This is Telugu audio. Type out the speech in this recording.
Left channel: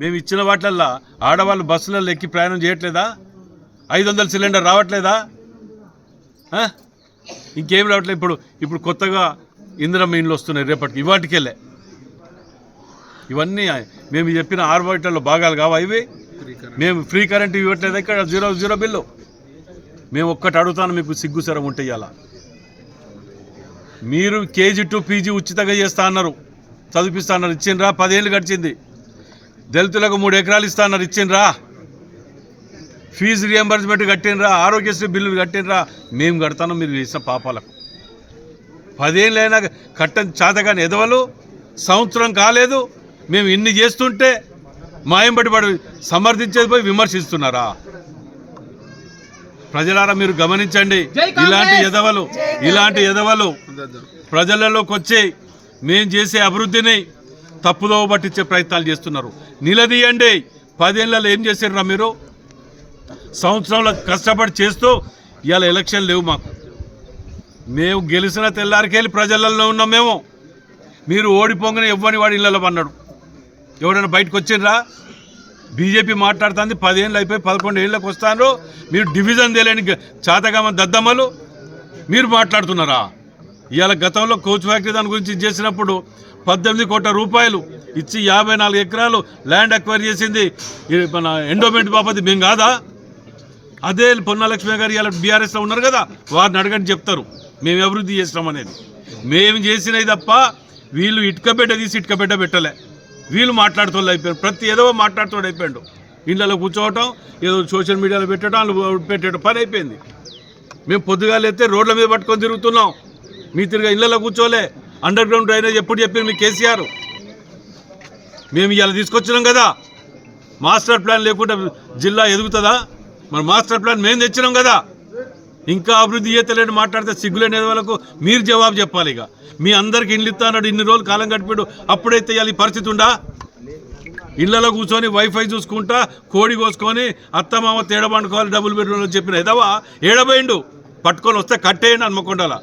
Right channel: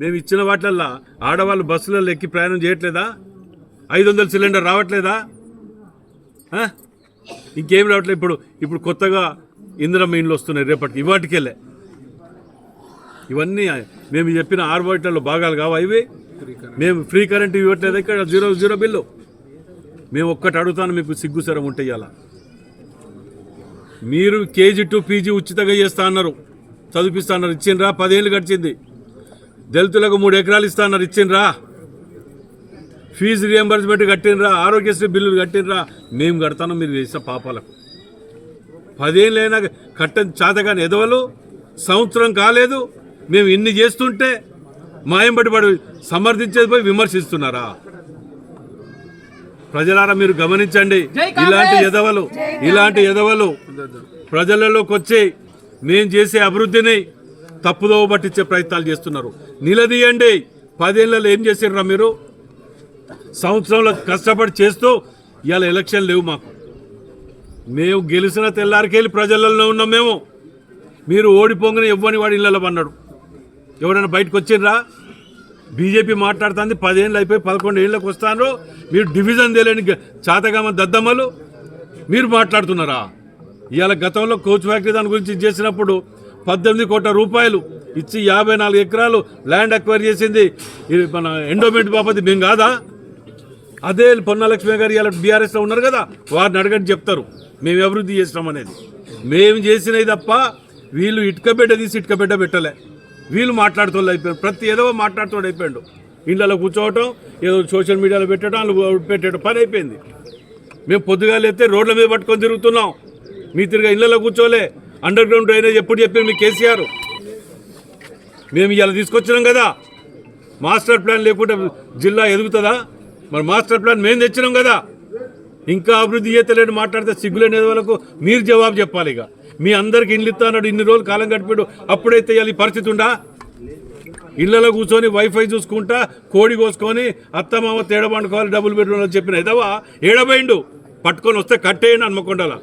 మేము ఇచ్చిన వాటిలల్లా ఆడవాళ్ళు బస్సులలో ఎక్కి ప్రయాణం చేయట్లేదా? ఐదు వందల సిలిండర్ రావట్లేదా? ఇంకేం రావట్లేదు. ఇప్పుడు ఇప్పుడు కొత్తగా ఇందిరమ్మ ఇండ్లు వస్తున్నాయి రేపటికి. ఇవాటికెళ్ళే. ఇవన్నీ మేము చెప్పిన ఆర్బైటల్లో భాగాలు కావు ఇవి? మేము ఫ్రీ కరెంట్ ఇవ్వట్లేదు ఇక్కడ? Zero zero bill. మేము ఒక్కటి అడుగుతాను మీకు సిగ్గుసరం ఉంటే ఇలా మీరు కేజీ టు పీజీ ఉచితంగా చేస్తా అన్నారు. చదివిస్తా అన్నారు. ఇచ్చిండ్రా? పదేళ్ళు గడిచింది. దళితులకు మూడు ఎకరాలు ఇస్తా అన్నారు ఇచ్చిండ్రా. ఫీజు రియంబర్స్మెంట్ కట్టినరా ఆరోగ్యశ్రీ బిల్లులు కట్టినరా మేము కడతాను మీరు చేసిన పాపాలకు. పదేళ్ళైనా కట్టని చేతగాని ఎదవలు సంవత్సరం కాలేదు మేము ఇన్ని చేస్తుంటే మాయంబడి పడి సమర్థించేది పోయి విమర్శిస్తున్నారా? ప్రజలారా మీరు గమనించండి ఇలాంటి ఎదవలు ఇలాంటి ఎదవలు ప్రజలలోకి వచ్చి మేం చేసే అభివృద్ధిని తప్పుదోవ పట్టించే ప్రయత్నాలు చేస్తున్నారు. నిలదీయండి. పదేళ్ళలో ఏం చేసారురా మీరు? సంవత్సరంలో కష్టపడి చేస్తూ ఇవాళ ఎలక్షన్ లేవు మాకు. మేము గెలిచిన తెల్లారికెళ్ళి ప్రజలలో ఉన్నాం మేము. మీరు ఓడిపోగానే ఇవ్వని వాడి ఇళ్ళలో పన్నాడు ఎవడైనా బయటకు వచ్చిండ్రా? బీజేపీ మాట్లాడుతుంది పదేళ్ళు అయిపోయి పదకొండు ఏళ్ళకి వస్తాను మీరు డివిజన్ తెలియని చాతగామ దద్దమ్మలు. మీరు మాట్లాడుతున్నారా? ఇవాళ గతంలో కోచ్ ఫ్యాక్టరీ దాని గురించి చేసినప్పుడు పద్దెనిమిది కోట్ల రూపాయలు ఇచ్చి యాభై నాలుగు ఎకరాలు ల్యాండ్ అక్వైర్ చేసింది. మన ఎండోమెంట్ బాపతి మేము కాదా? అదే పొన్నలక్ష్మి గారు ఇలా బీఆర్ఎస్లో ఉన్నారు కదా వారిని అడగండి చెప్తారు. మేము అభివృద్ధి చేసినాం అనేది. మేము చేసినవి తప్ప వీళ్ళు ఇటుకబిడ్డ తీసి ఇటుకబిడ్డ పెట్టలే. వీళ్ళు మాట్లాడుతోళ్ళు అయిపోయారు. ప్రతి ఏదో మాట్లాడుతోడు అయిపోయాడు. ఇళ్ళలో కూర్చోవటం ఏదో సోషల్ మీడియాలో పెట్టడం పెట్టడం పని అయిపోయింది. మేము పొద్దుగాలు లేస్తే రోడ్ల మీద పట్టుకొని తిరుగుతున్నాం. మీ తిరిగా ఇళ్ళలో కూర్చోలే. అండర్ గ్రౌండ్ డ్రైనేజ్ ఎప్పుడు చెప్పారు మీ కేసీఆర్? మేము ఇలా తీసుకొచ్చినాం కదా. మాస్టర్ ప్లాన్ లేకుండా జిల్లా ఎదుగుతుందా? మరి మాస్టర్ ప్లాన్ మేము తెచ్చినాం కదా. ఇంకా అభివృద్ధి చేతలేని మాట్లాడితే సిగ్గులేని వాళ్ళకు మీరు జవాబు చెప్పాలి ఇక. మీ అందరికి ఇండ్లు ఇస్తా అన్నాడు ఇన్ని రోజులు కాలం గడిపాడు. అప్పుడైతే ఇవాళ ఈ పరిస్థితి ఉందా? ఇళ్ళలో కూర్చొని వైఫై చూసుకుంటా కోడి కోసుకొని అత్తమామ తేడా పండుకోవాలి డబుల్ బెడ్రూమ్ అని చెప్పిన ఎదవా ఏడబోయిండు. పట్టుకొని వస్తే కట్టేయండి హన్మకొండల.